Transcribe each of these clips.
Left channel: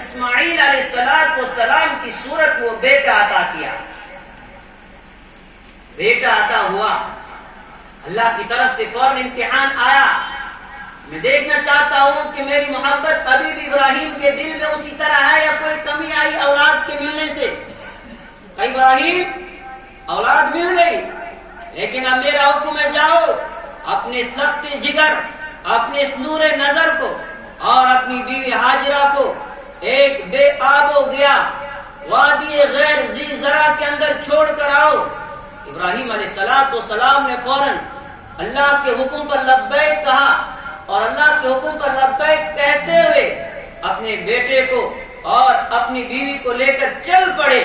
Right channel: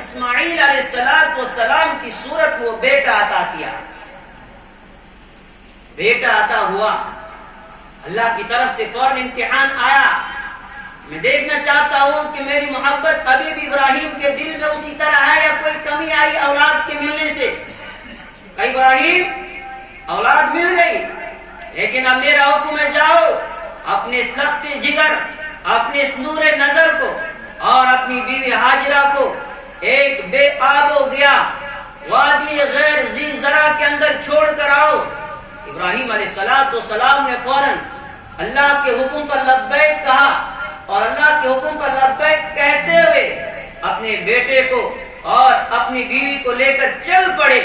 اسماعیل علیہ السلام کی صورت وہ بیٹا عطا کیا. بیٹا عطا ہوا, اللہ کی طرف سے فوراً امتحان آیا. میں دیکھنا چاہتا ہوں کہ میری محبت ابھی بھی ابراہیم کے دل میں اسی طرح ہے یا کوئی کمی آئی اولاد کے ملنے سے. کہ ابراہیم اولاد مل گئی, لیکن اب میرا حکم ہے جاؤ اپنے اس لخت جگر, اپنے اس نور نظر کو اور اپنی بیوی ہاجرہ کو ایک بے آب و گیا وادی غیر ذی زرع کے اندر چھوڑ کر آؤ. ابراہیم علیہ السلام نے فوراً اللہ کے حکم پر لبیک کہا, اور اللہ کے حکم پر لبیک کہتے ہوئے اپنے بیٹے کو اور اپنی بیوی کو لے کر چل پڑے.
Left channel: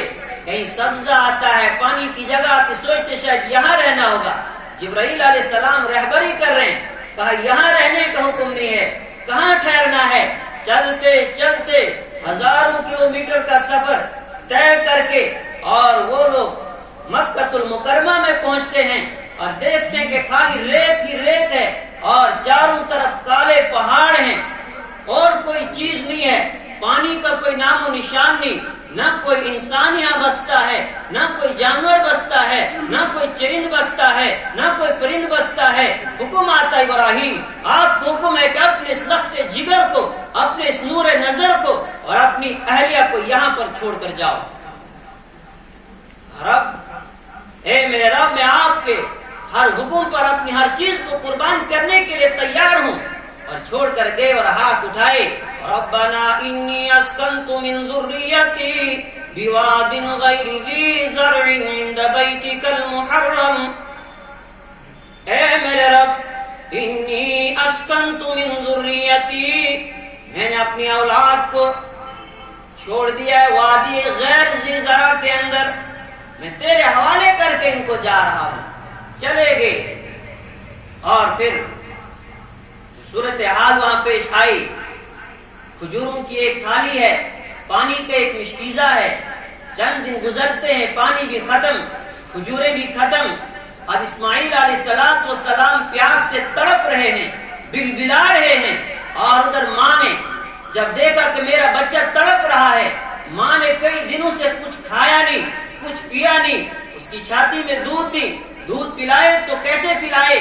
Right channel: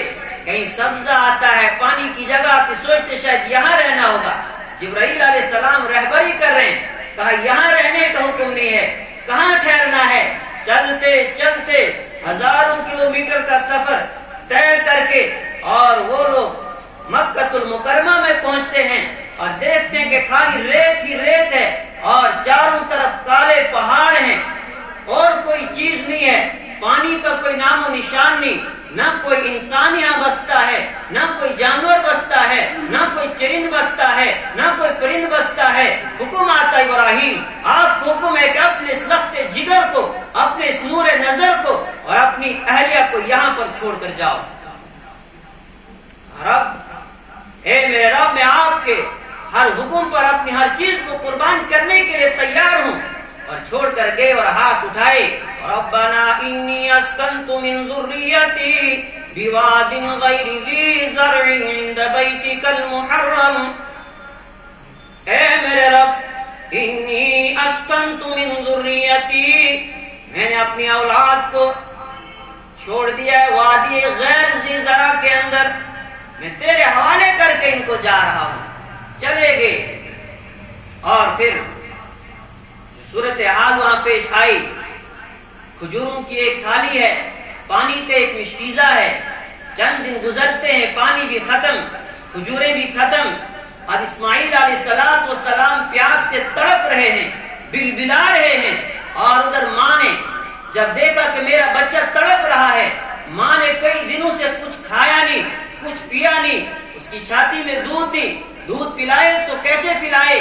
کہیں سبزہ آتا ہے پانی کی جگہ کہ سوچتے شاید یہاں رہنا ہوگا. جبرائیل علیہ السلام رہبری کر رہے ہیں, کہا یہاں رہنے کا حکم نہیں ہے, کہاں ٹھہرنا ہے. چلتے چلتے ہزاروں کلومیٹر کا سفر طے کر کے اور وہ لوگ مکہ المکرمہ میں پہنچتے ہیں اور دیکھتے ہیں کہ خالی ریت ہی ریت ہے اور چاروں طرف کالے پہاڑ ہیں اور کوئی چیز نہیں ہے, پانی کا کوئی نام و نشان نہیں, نہ کوئی انسان یہاں بستا ہے, نہ کوئی جانور بستا ہے, نہ کوئی چرند بستا ہے, نہ کوئی پرند بستا ہے. حکم آتا ابراہیم, آپ کو حکم ہے کہ اپنے اس لخت جگر کو, اپنے اس نور نظر کو اور اپنی اہلیہ کو یہاں پر چھوڑ کر جاؤ. رب, اے میرے رب, میں آپ کے ہر حکم پر اپنی ہر چیز کو قربان کرنے کے لیے تیار ہوں. اور چھوڑ کر گئے اور ہاتھ اٹھائے, ربنا انی اسکنت من ذریتی بواد غیر ذی زرع عند بیتک المحرم. اے میرے رب, انی اسکنت من ذریتی, میں نے اپنی اولاد کو چھوڑ دیا ہے وادی غیر ذی زرع کے اندر, میں تیرے حوالے کر کے ان کو جا رہا ہوں. چلے گئے اور پھر صورتحال وہاں پیش آئی. کھجوروں کی ایک تھالی ہے, پانی کا ایک مشکیزہ ہے. چند دن گزرتے ہیں, پانی بھی ختم, کھجوریں بھی ختم. اب اسماعیل علیہ السلام پیاس سے تڑپ رہے ہیں, بلبلا رہے ہیں. اور ادھر ماں نے جب دیکھا کہ میرا بچہ تڑپ رہا ہے, ماں نے کئی دنوں سے کچھ کھایا نہیں, کچھ پیا نہیں, اس کی چھاتی میں دودھ دی, دودھ پلائے تو کیسے پلائے.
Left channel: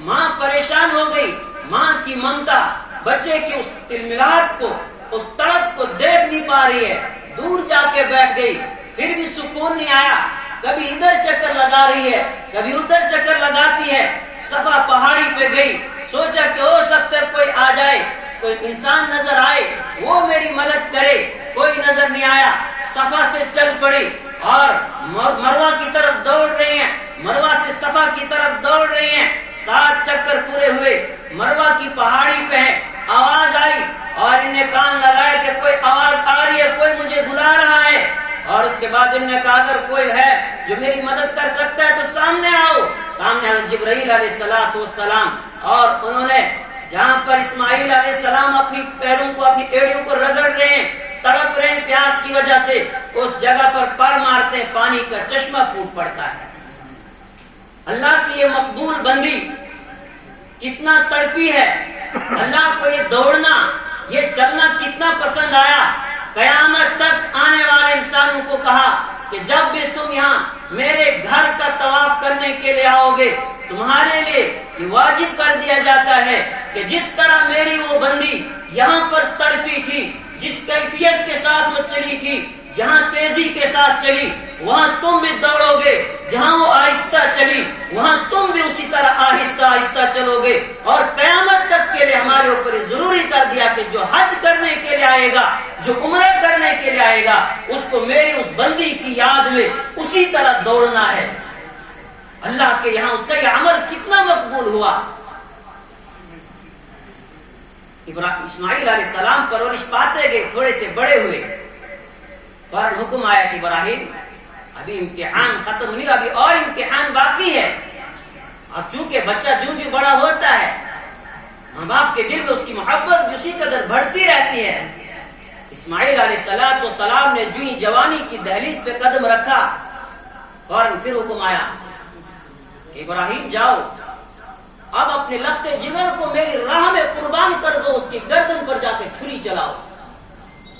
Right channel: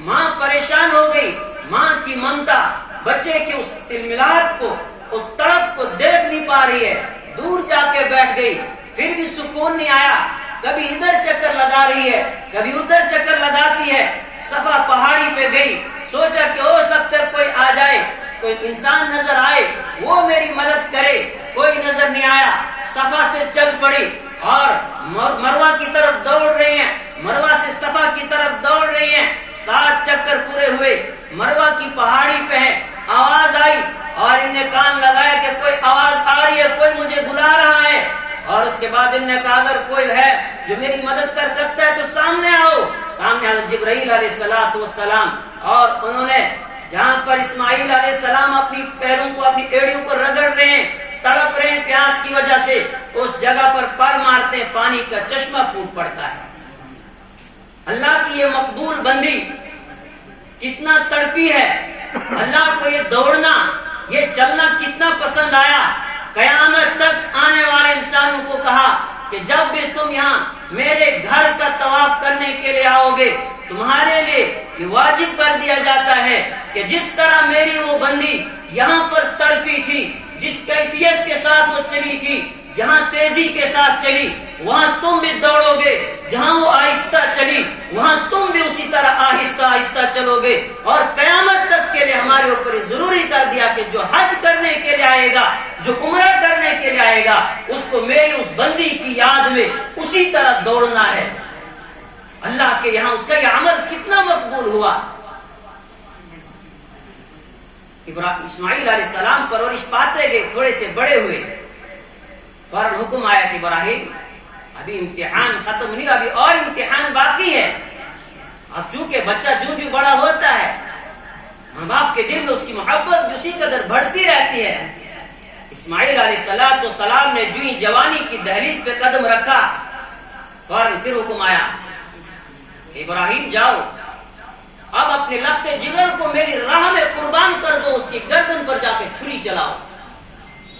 ماں پریشان ہو گئی. ماں کی ممتا بچے کی اس تلملات کو, اس تڑپ کو دیکھ نہیں پا رہی ہے, دور جا کے بیٹھ گئی. پھر بھی سکون نہیں آیا, کبھی ادھر چکر لگا رہی ہے, کبھی ادھر چکر لگاتی ہے. صفا پہاڑی پہ گئی, سوچا کہ ہو سکتا ہے کوئی آ جائے, کوئی انسان نظر آئے, وہ میری مدد کرے. کوئی نظر نہیں آیا. صفا سے چل پڑی اور مروہ کی طرف دوڑ رہی ہیں, مروہ سے صفا کی طرف دوڑ رہی ہیں. 7 چکر پورے ہوئے, مروہ کی پہاڑی پہ ہیں. آواز آئی اور انہیں کان لگایا کہ کوئی آواز آ رہی ہے, کوئی مجھے بلا رہا ہے. اور اس کے بعد انہوں نے کہا اگر کوئی ہے جو میری مدد کر سکتا ہے تو سامنے آؤ. سامنے حضرت جبرائیل علیہ السلام, اور انہوں نے جہاں پر اسماعیل علیہ السلام اپنی پیروں کو, اپنی ایڑیوں کو رگڑ رہے ہیں, تڑپ رہے ہیں پیاس کی وجہ سے, اس جگہ پر پر مارتے ہیں, پانی کا چشمہ پھوٹ پڑتا ہے. اللہ کی یہ مقبول بندی کتنا تڑپی ہے, اللہ کو یہ دوڑنا, یہ چلنا کتنا پسند آیا. قیامت تک آنے والے انسانوں کو کہا کہ جب بھی تم یہاں میرے گھر کا طواف کرنے کے لیے آؤ گے, تمہارے لیے یہ واجب کر دیا جاتا ہے کہ جس طرح میری وہ بندی یہاں پر تڑپی تھی, جس کیفیت کے ساتھ وہ چلی تھی, جہاں تیزی کے ساتھ چلی وہاں تم بھی دوڑو گے, جہاں وہ آہستہ چلی وہاں تم بھی اسی طرح آہستہ آہستہ چلو گے. اور قیامت تک کے لیے ہمارے اوپر ضروری کر دیا کہ جو حج کرنے کے لیے آئے گا, جو عمرہ کرنے کے لیے آئے گا, اس کو میری اس بندی کی یاد میں اسی طرح دوڑنا ہے. اللہ کے یہاں اس کا یہ عمل کتنا مقبول ہوا. اسماعیل علیہ السلام پرورش پاتے گئے, تھوڑے سے بڑے ہوئے, فوراً حکم آیا کہ ابراہیم ابھی امتحان ختم نہیں, ابھی اور امتحان باقی ہے. اب چونکہ بچہ جو بڑا ہوتا ہے, ماں باپ کے دل میں اس کی محبت بھی اسی قدر بڑھتی رہتی ہے. اسماعیل علیہ السلام نے جو ہی جوانی کی دہلیز پہ قدم رکھا, فوراً پھر حکم آیا کہ ابراہیم جاؤ, اب اپنے لخت جگر کو میری راہ میں قربان کر دو, اس کی گردن پر جا کے چھری چلاؤ.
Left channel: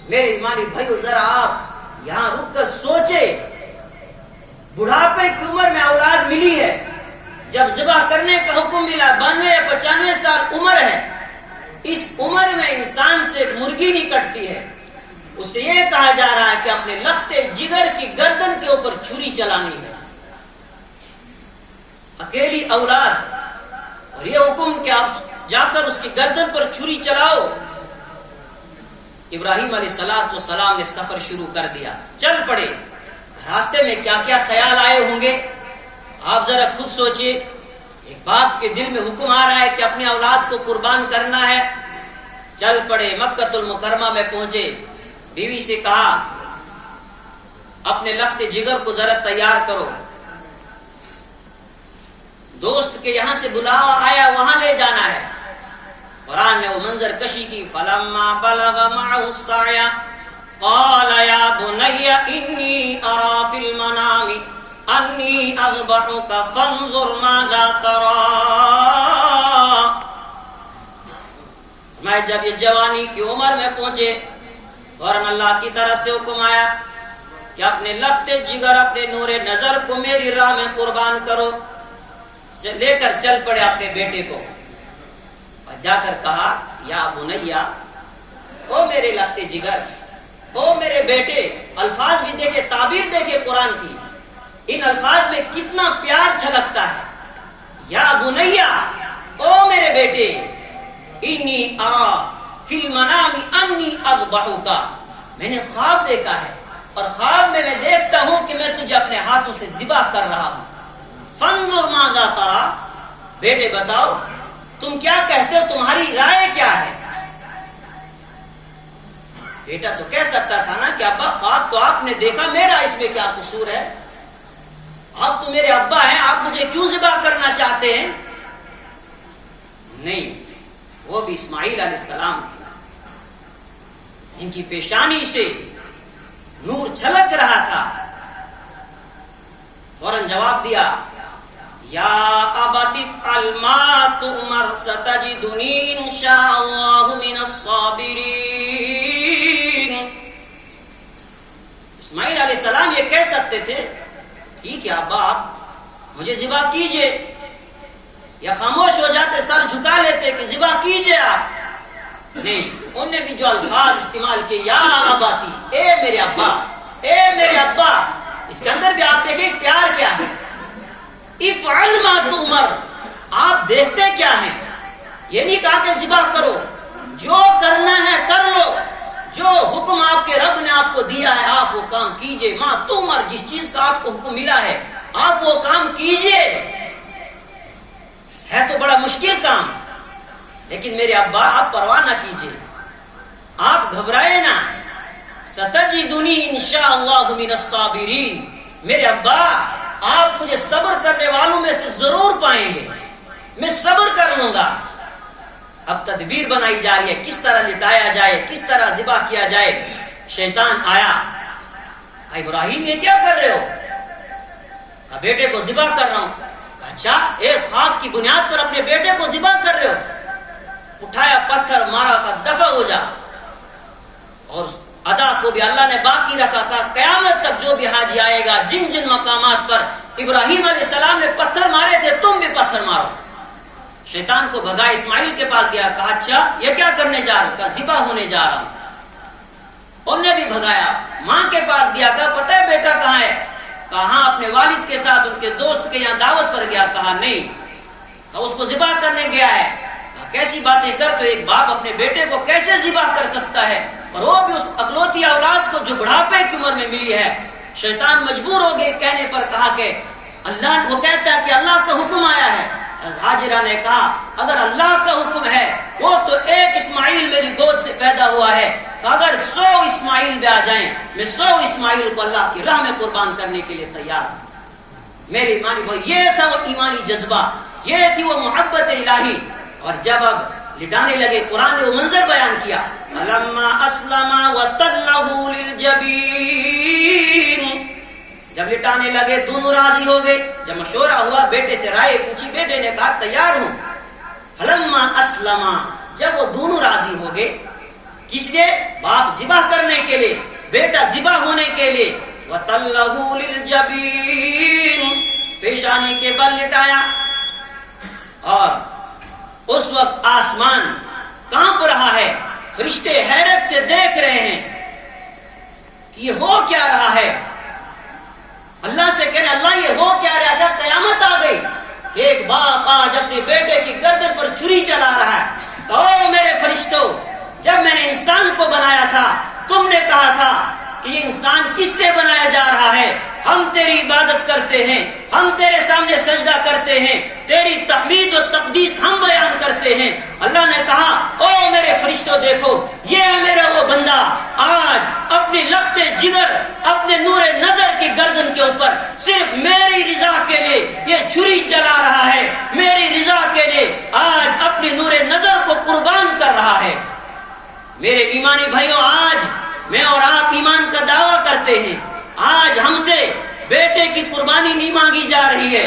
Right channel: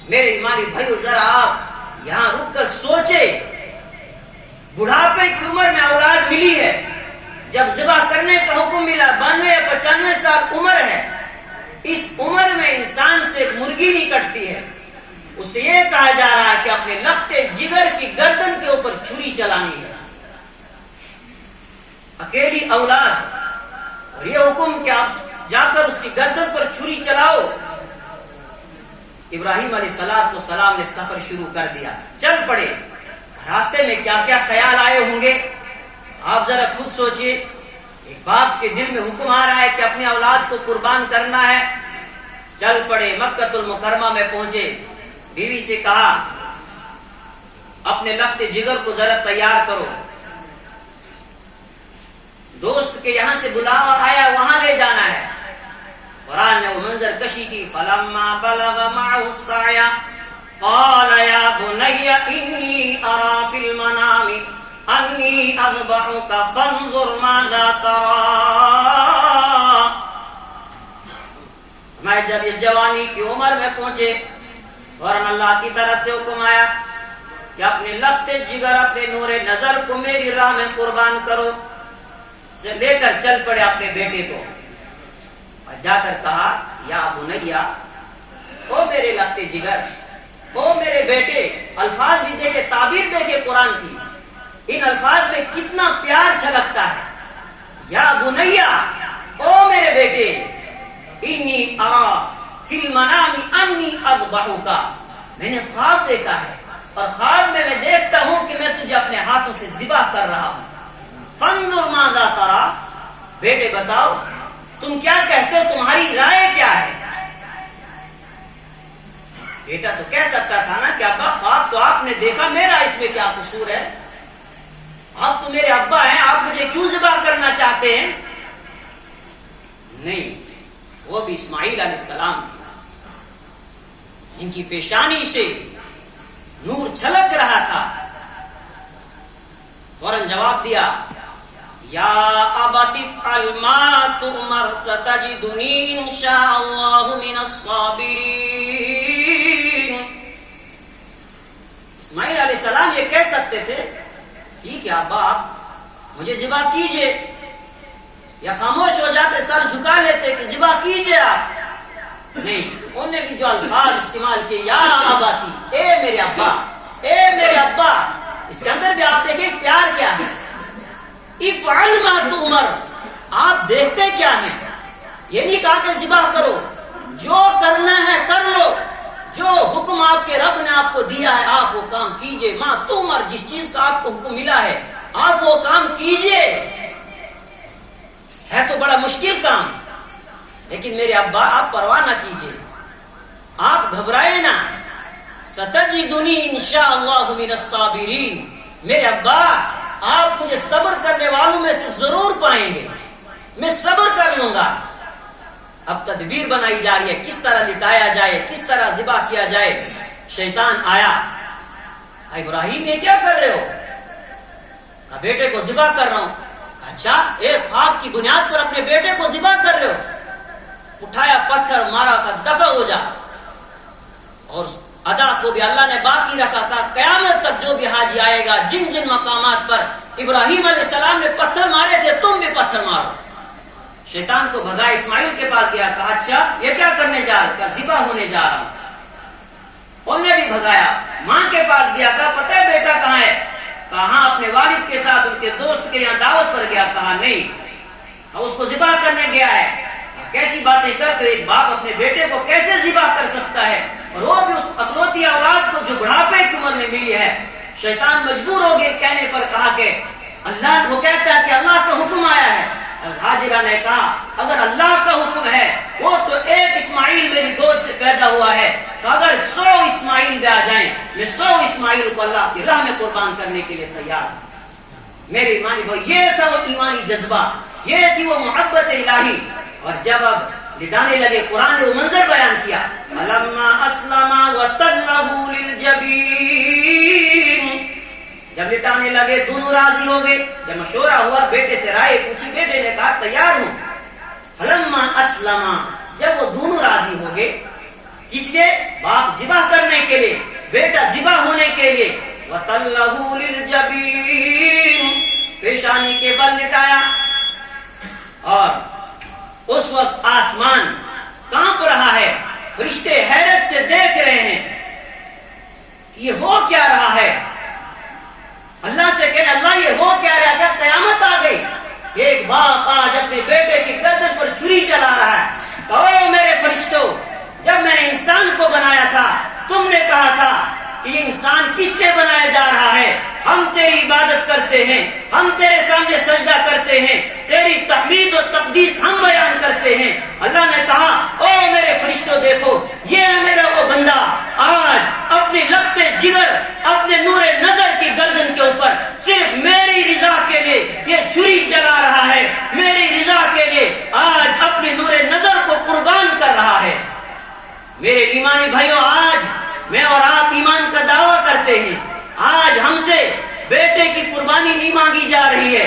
میرے ایمانی بھائیو ذرا آپ یہاں رک کر سوچے، بڑھاپے کی عمر میں اولاد ملی ہے، جب ذبح کرنے کا حکم ملا 92 یا 95 سال عمر ہے، اس عمر میں انسان سے ایک مرغی نہیں کٹتی ہے، اس سے یہ کہا جا رہا ہے کہ اپنے لختے جگر کی گردن کے اوپر چھری چلانی ہے، اکیلی اولاد، اور یہ حکم کہ آپ جا کر اس کی گردن پر چھری چلاؤ۔ ابراہیم علیہ السلام نے سفر شروع کر دیا، چل پڑے۔ راستے میں کیا کیا خیال آئے ہوں گے آپ ذرا خود سوچئے۔ ایک باپ کے دل میں حکم آ رہا ہے کہ اپنی اولاد کو قربان کرنا ہے، چل پڑے، مکہ المکرمہ میں پہنچے، بیوی سے کہا اپنے لخت جگر کو ذرا تیار کرو، دوست کے یہاں سے بلاوا آیا وہاں لے جانا ہے۔ قرآن نے وہ منظر کشی کی، فلما بلغ معه السعي قال يا بني اني ارى في المنام اني اذبحك فانظر ماذا ترى۔ میں جب یہ جوانی کی عمر میں پہنچے، فوراً اللہ کی طرف سے حکم آیا کہ اپنے لخت جگر، اپنے نور نظر کو میری راہ میں قربان کرو۔ سے لے کر چل پڑے اپنے بیٹے کو، اور جا کر کہا یا بنیا، او میرے لخت جگر، او میرے بیٹے۔ الفاظ بھی دیکھے، تعبیر دیکھے قرآن کی، ان الفاظ میں کتنا پیار چھلکتا ہے۔ یا بنیا، او میرے بیٹے، انی ارا فی المنام انی اذبحک، میں نے خواب دیکھا ہے، اور خواب میں دیکھتا ہوں کہ میں تجھے اپنے ہاتھوں سے ذبح کر رہا ہوں۔ فانظر ماذا ترى، بیٹے بتاؤ تم کیا کہتے ہو، تمہاری رائے کیا ہے؟ بیٹا تو کہہ سکتا تھا نا کہ ابا خواب تو آپ نے دیکھا، میرا اس میں کیا قصور ہے؟ آپ تو میرے ابا ہیں، آپ مجھے کیوں ذبح کرنا چاہتے ہیں؟ نہیں، وہ بھی اسماعیل علیہ السلام تھے جن کی پیشانی سے نور چھلک رہا تھا۔ فوراً جواب دیا، یا ابت افعل ما تؤمر ستجدنی ان شاء اللہ من الصابرین۔ اسماعیل علیہ السلام یہ کہہ سکتے تھے ٹھیک ہے ابا آپ مجھے ذبح کیجئے، یا خاموش ہو جاتے، سر جھکا لیتے کہ ذبح کیجئے آپ۔ نہیں، انہوں نے بھی جو الفاظ استعمال کیے، یا اباتی، اے میرے ابا، اے میرے ابا، اس کے اندر بھی آپ دیکھیں پیار کیا ہے۔ افعل ما تؤمر، آپ دیکھتے کیا ہیں؟ یہ نہیں کہا کہ ذبح کرو، جو کرنا ہے کر لو، جو حکم آپ کے رب نے آپ کو دیا ہے آپ وہ کام کیجئے۔ ما تؤمر، جس چیز کا آپ کو حکم ملا ہے آپ وہ کام کیجئے۔ ہے تو بڑا مشکل کام، لیکن میرے ابا آپ پرواہ نہ کیجئے، آپ گھبرائے نہ۔ ستجدنی انشاءاللہ من الصابرین، میرے ابا آپ مجھے صبر کرنے والوں میں سے ضرور پائیں گے، میں صبر کر لوں گا۔ اب تدبیر بنائی جا رہی ہے، کس طرح لٹایا جائے، کس طرح ذبح کیا جائے۔ شیطان آیا، کہا ابراہیم یہ کیا کر رہے ہو؟ کہا بیٹے کو ذبح کر رہا ہوں۔ کہا اچھا، ایک خواب کی بنیاد پر اپنے بیٹے کو ذبح کر رہے ہو؟ اٹھایا پتھر مارا، کا دفع ہو جا۔ اور ادا کو بھی اللہ نے باقی رکھا، کہا قیامت تک جو بھی حاجی آئے گا جن جن مقامات پر ابراہیم علیہ السلام نے پتھر مارے تھے تم بھی پتھر مارو۔ شیطان کو بھگا، اسماعیل کے پاس گیا، کہا اچھا یہ کیا کرنے جا رہا ہوں؟ کہا ذبح ہونے جا رہا ہوں۔ انہوں نے بھی بھگایا، ماں کے پاس گیا، کہا پتہ ہے بیٹا کہاں ہے؟ کہا ہاں اپنے والد کے ساتھ ان کے دوست کے یہاں دعوت پر گیا۔ کہا نہیں، کہا اس کو ذبح کرنے گیا ہے۔ کہا کیسی باتیں کر، تو ایک باپ اپنے بیٹے کو کیسے ذبح کر سکتا ہے، اور وہ بھی اس اکلوتی اولاد کو جو بڑھاپے کی عمر میں ملی ہے۔ شیطان مجبور ہو گئے کہنے پر، کہا کہ اللہ، وہ کہتا ہے کہ اللہ کا حکم آیا ہے۔ ہاجرہ نے کہا اگر اللہ کا حکم ہے، وہ تو ایک اسماعیل میری گود سے پیدا ہوا ہے، کہ اگر 100 اسماعیل بھی آ جائیں میں 100 اسماعیل کو اللہ کی راہ میں قربان کرنے کے لیے تیار ہوں۔ میرے ایمانی بھائی، یہ تھا وہ ایمانی جذبہ، یہ تھی وہ محبت الہی۔ اور جب اب لٹانے لگے، قرآن نے وہ منظر بیان کیا، فَلَمَّا أَسْلَمَا وَتَلَّهُ لِلْجَبِينِ، جب لٹانے لگے دونوں راضی ہو گئے۔ جب مشورہ ہوا، بیٹے سے رائے پوچھی، بیٹے نے کہا تیار ہوں۔ فَلَمَّا أَسْلَمَا، جب وہ دونوں راضی ہو گئے، کس لیے؟ باپ ذبح کرنے کے لیے، بیٹا ذبح ہونے کے لیے۔ وَتَلَّهُ لِلْجَبِينِ، پیشانی کے بل لٹایا، اور اس وقت آسمان کانپ رہا ہے، فرشتے حیرت سے دیکھ رہے ہیں کہ یہ ہو کیا رہا ہے۔ اللہ سے کہنے اللہ یہ ہو کیا رہا ہے؟ کیا قیامت آ گئی کہ ایک باپ آج اپنے بیٹے کی گردن پر چھری چلا رہا ہے؟ او میرے فرشتوں، جب میں نے انسان کو بنایا تھا تم نے کہا تھا کہ یہ انسان کس لیے بنایا جا رہا ہے؟ ہم تیری عبادت کرتے ہیں، ہم تیرے سامنے سجدہ کرتے ہیں، تیری تحمید و تقدیس ہم بیان کرتے ہیں۔ اللہ نے کہا او میرے فرشتوں دیکھو، یہ ہے میرا وہ بندہ آج اپنی لخت جگر، اپنے نور نظر کی گردن کے اوپر صرف میری رضا کے لیے یہ چھری چلا رہا ہے، میری رضا کے لیے آج اپنی نور نظر کو قربان کر رہا ہے۔ میرے ایمانی بھائیوں، آج میں اور آپ ایمان کا دعویٰ کرتے ہیں، آج ہم سے بیٹے کی قربانی نہیں مانگی جا رہی ہے،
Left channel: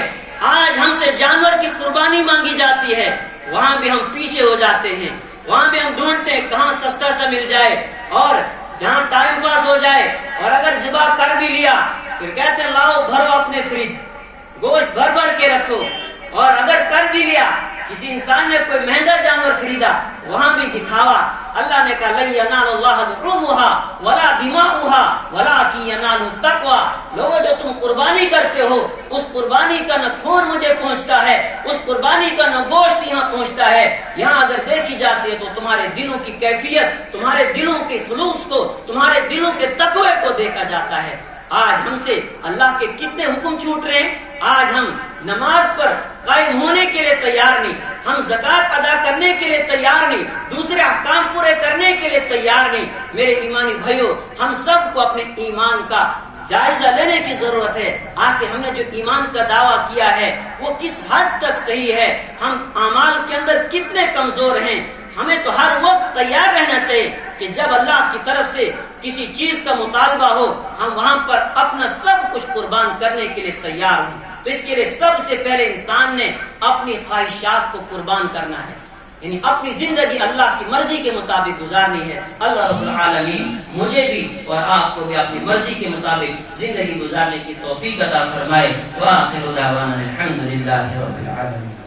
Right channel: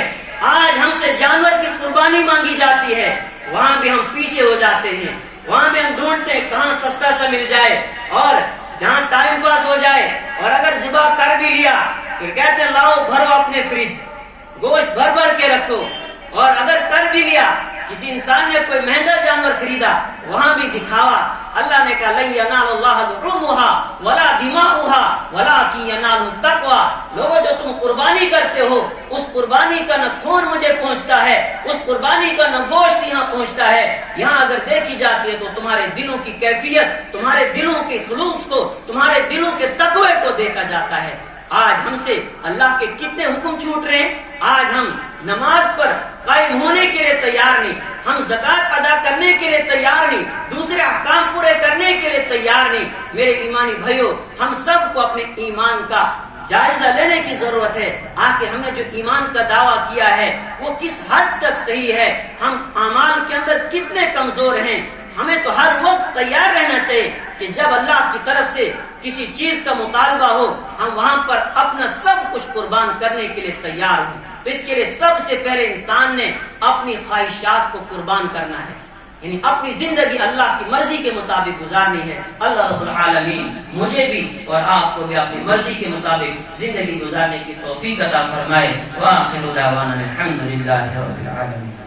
آج ہم سے جانور کی قربانی مانگی جاتی ہے، وہاں بھی ہم پیچھے ہو جاتے ہیں، وہاں بھی ہم ڈھونڈتے ہیں کہاں سستا سا مل جائے اور جہاں ٹائم پاس ہو جائے، اور اگر ذبح کر بھی لیا پھر کہتے ہیں لاؤ بھرو اپنے فریج، گوشت بھر بھر کے رکھو، اور اگر کر بھی لیا کسی انسان نے کوئی مہنگا جانور خریدا وہاں بھی دکھاوا۔ اللہ نے کہا لن ینال اللہ لحومها ولا دماؤها ولکن ینالہ التقوی۔ لوگوں جو تم قربانی کرتے ہو اس قربانی کا نہ خون مجھے پہنچتا ہے، اس قربانی کا نہ گوشت یہاں پہنچتا ہے، یہاں اگر دیکھی جاتی ہے تو تمہارے دلوں کی کیفیت، تمہارے دلوں کے خلوص کو، تمہارے دلوں کے تقوی کو دیکھا جاتا ہے۔ آج ہم سے اللہ کے کتنے حکم چھوٹ رہے ہیں، آج ہم نماز پر قائم ہونے کے لیے تیار نہیں، ہم زکوٰۃ ادا کرنے کے لیے تیار نہیں، دوسرے احکام پورے کرنے کے لیے تیار نہیں۔ میرے ایمانی بھائیوں، ہم سب کو اپنے ایمان کا جائزہ لینے کی ضرورت ہے۔ آخر ہم نے جو ایمان کا دعویٰ کیا ہے وہ کس حد تک صحیح ہے، ہم اعمال کے اندر کتنے کمزور ہیں۔ ہمیں تو ہر وقت تیار رہنا چاہیے کہ جب اللہ کی طرف سے کسی چیز کا مطالبہ ہو ہم وہاں پر اپنا سب کچھ قربان کرنے کے لیے تیار ہوں۔ تو اس کے لیے سب سے پہلے انسان نے اپنی خواہشات کو قربان کرنا ہے، یعنی اپنی زندگی اللہ کی مرضی کے مطابق گزارنی ہے۔ اللہ رب العالمین مجھے بھی اور آپ کو بھی اپنی مرضی کے مطابق زندگی گزارنے کی توفیق عطا فرمائے۔ وآخر دعوانا الحمد للہ رب العالمین۔